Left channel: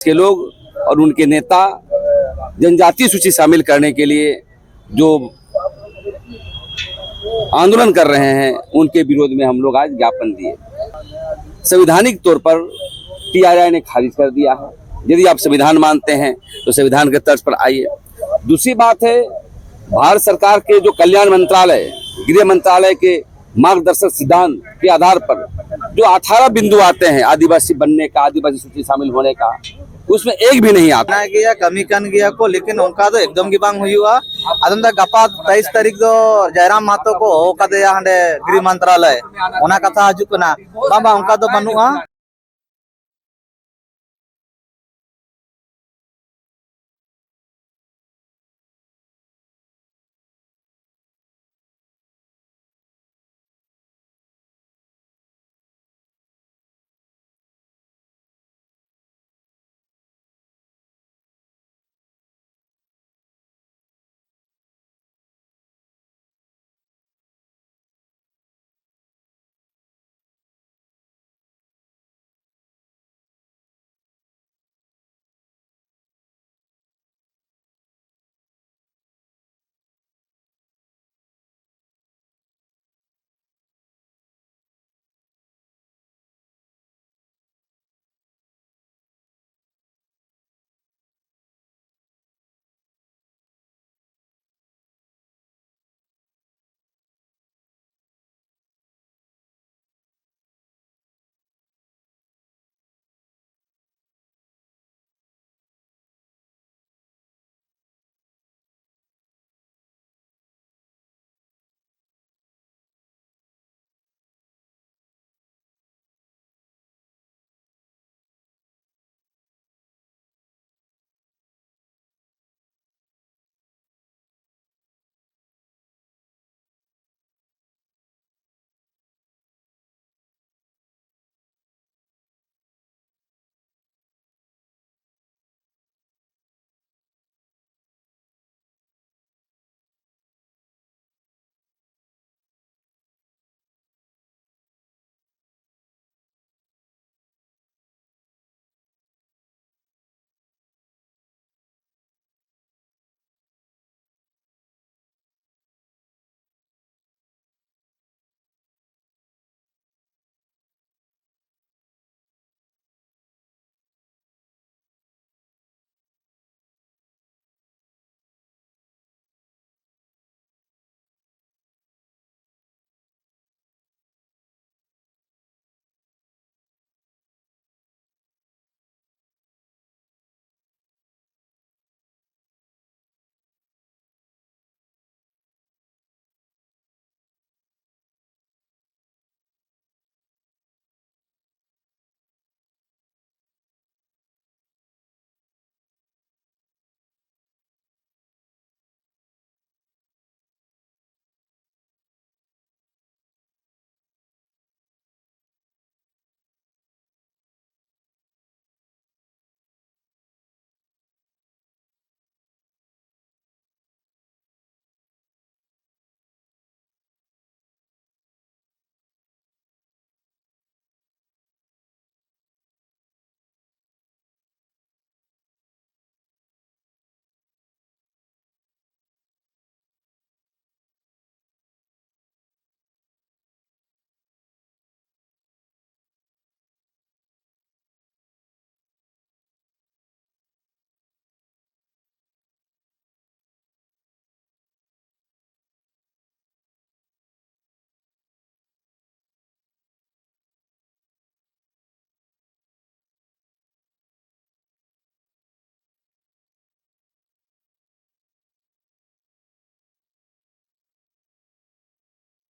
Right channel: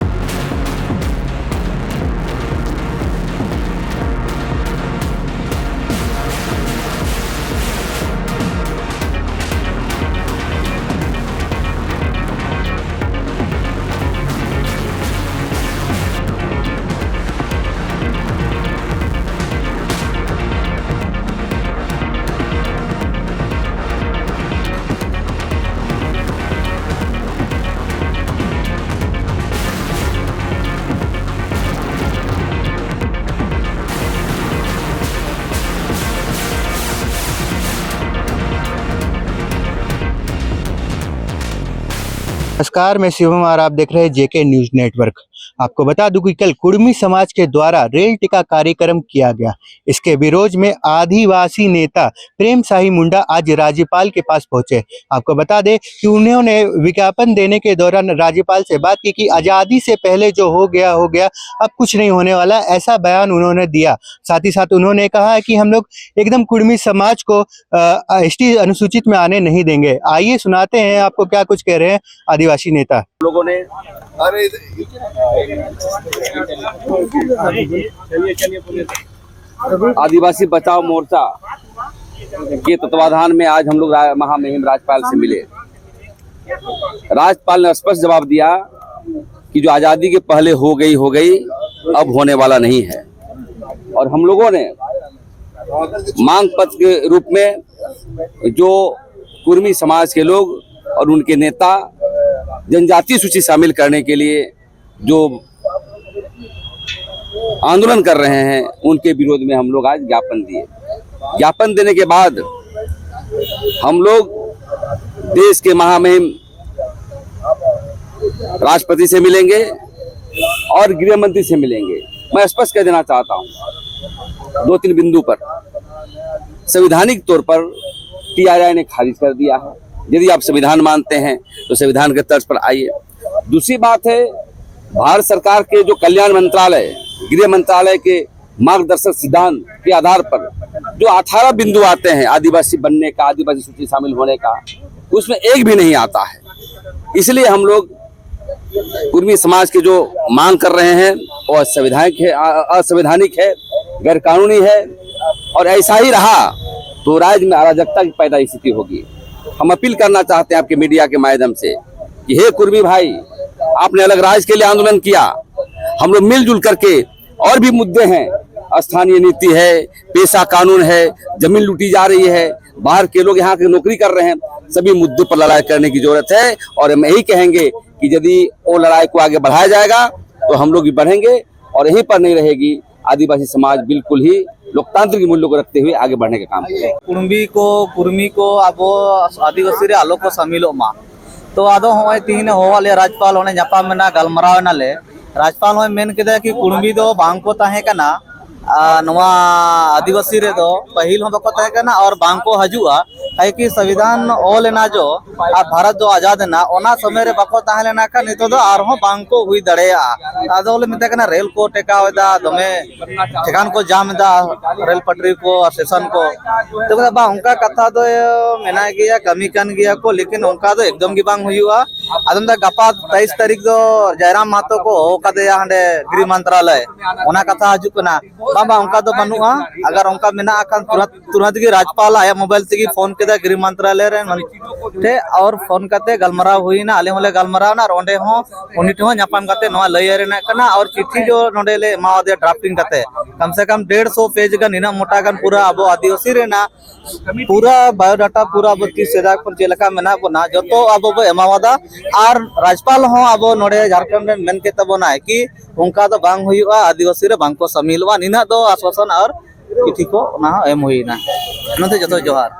के लोग और उनके नेता जनजातीय सूची शामिल करने के लिए जो आंदोलन कर रहे हैं उनके विरोध में हम लोग आज ज्ञापन किए। संवैधानिक तौर पर टीआरआई ने खारिज कर दिया। यदि आप संविधान मानते हैं तो संविधान के तर्ज पर आइए। दूसरी बात है, भारत सरकार के जो कल्याण मंत्रालय, गृह मंत्रालय के मार्गदर्शक सिद्धांत के आधार पर जो 18 बिंदु आते हैं आदिवासी बनने का, आदिवासी सूची शामिल होने का, उसमें एक भी नहीं आता गया कमी कन गया को, लेकिन उनका तो एकदम गिबांग हुआ। अदम दा गपा 23 तारीख जो जयराम मातो को होकादेया हांडे गृह मंत्रालय ओना कथा हजु कना बाबा उनका तो बनुआ। नमस्कार, मैं शिवम और आप देख रहे हैं जेके न्यूज नेटवर्क। आपको बता दूं कि कल कुर्मी समाज के द्वारा रेल टिका कार्यक्रम किया गया। इसके विरोध में आदिवासी नेता प्रेम शाही मुंडा आज राज्यपाल के पास पहुंचे। आपको बता दें कि उन्होंने विज्ञापन देने के दौरान राज्यपाल से बात की कि आज़ादी से पहले जो हो गया, अब कुछ नहीं होने वाला, ऐसा बयान उन्होंने दिया। साथ ही साथ उन्होंने कहा है कि हम लोग एकदम कुर्मी समाज को एसटी अनुसूचित में आने नहीं देंगे। आइए सुनाते हैं आपको क्या कुछ कह रहे हैं आदिवासी नेता। लोगों ने आदिवासी बचाओ मोर्चा के तत्वाधान में आज हम लोग महामहिम राज्यपाल से मिले। राज्यपाल ने स्पष्ट जवाब दिया कि जो आजादी के पहले हो गई, अब होने वाला नहीं है। और हम लोगों ने मांग पत्र के रूप में जो कुर्मी समाज के लोग और उनके नेता जनजातीय सूची शामिल करने के लिए जो आंदोलन कर रहे हैं उनके विरोध में हम लोग आज ज्ञापन दिए। ज्ञापन देने के बाद हम लोग देश के महामहिम राष्ट्रपति से मिलेंगे और गृह मंत्री से मिलेंगे। मैं स्पष्ट कर देना चाहता हूं 2-3 बिंदु पर संवैधानिक तौर पर टीआरआई ने खारिज कर दिया है। यदि आप संविधान मानते हैं तो संविधान के तर्ज पर आइए। दूसरी बात है, भारत सरकार के जो कल्याण मंत्रालय, गृह मंत्रालय के मार्गदर्शक सिद्धांत के आधार पर जो 18 बिंदु आते हैं आदिवासी बनने का, आदिवासी सूची शामिल होने का, उसमें एक भी नहीं आता है। इसलिए हम लोग कुर्मी समाज के जो मांग कर रहे हैं वो असंवैधानिक है, गैर कानूनी है। और ऐसा ही रहा तो राज्य में अराजकता की पैदा स्थिति होगी। हम अपील करना चाहते हैं आपके मीडिया के माध्यम से कि हे कुर्मी भाई, आपने अलग राज्य के लिए आंदोलन किया, हम लोग मिलजुल करके, और भी मुद्दे हैं, स्थानीय नीति है, पेशा कानून है, जमीन लूटी जा रही है, बाहर के लोग यहाँ के नौकरी कर रहे हैं, सभी मुद्दों पर लड़ाई करने की जरूरत है। और हम यही कहेंगे कि यदि वो लड़ाई को आगे बढ़ाया जाएगा तो हम लोग भी बढ़ेंगे और यहीं पर नहीं रहेगी। आदिवासी समाज बिल्कुल ही लोकतांत्रिक मूल्यों को रखते हुए आगे बढ़ने का काम करें। कुर्मी को अब आदिवासी रे आलो को शामिलो मा तो आदो होय तीन होवाले राज्यपाल होने जापा मेना गलमराव नाले राज्यपाल होय मेन केदा कि कुर्मी दो बांग को ताहे कना नवा आदिवासी रे दो पहिल हो बको ताहे कना और बांग को हजुआ काहे कि संविधान ओल ना जो भारत जो आजाद ना ओना समय रे बको ताहे लेना का नितो दो आर हो बांग को हुई दड़ेया आदो ले मिता कना रेल को टेकावदा दमे ठेकान को जाम दा रेल पटरी को स्टेशन को तो बा उनका कथा दो मेना गया कमी कन गया को, लेकिन उनका तो एकदम गिबांग हुआ। अदम दा गपा 23 तारीख जो जयराम मातो को होकादेया हांडे गृह मंत्रालय ओना कथा हजु कना बाबा उनका तो बनुआ। अगर उनका मेना अकन तुरंत गे राज्यपाल आया मोबाइल से फोन के गृह मंत्रालय रे और फोन करते गलमराव हुई ना, आले होले गलमराव ना रोंडे हो उनी ठो नापाम करते नवा लय रे ना कना। और चिट्ठी जो नोडे ले माओदे ड्राफ्टिंग करते कम से कम 150 पेज का निना मोटा गन पूरा अब आदिवासी रे ना पूरा बायोडाटा पूरा अब 30 सेदा पर जेलका मेना बना जो अब एमावादा। और राज्यपाल हो अब नोडे झारखंड मेन के तबना कि उनका तो बांग हुआ आदिवासी रे बांग को शामिलवा निना दो आश्वासन और चिट्ठी को ना एम हुई ना। नते जतो जोहार।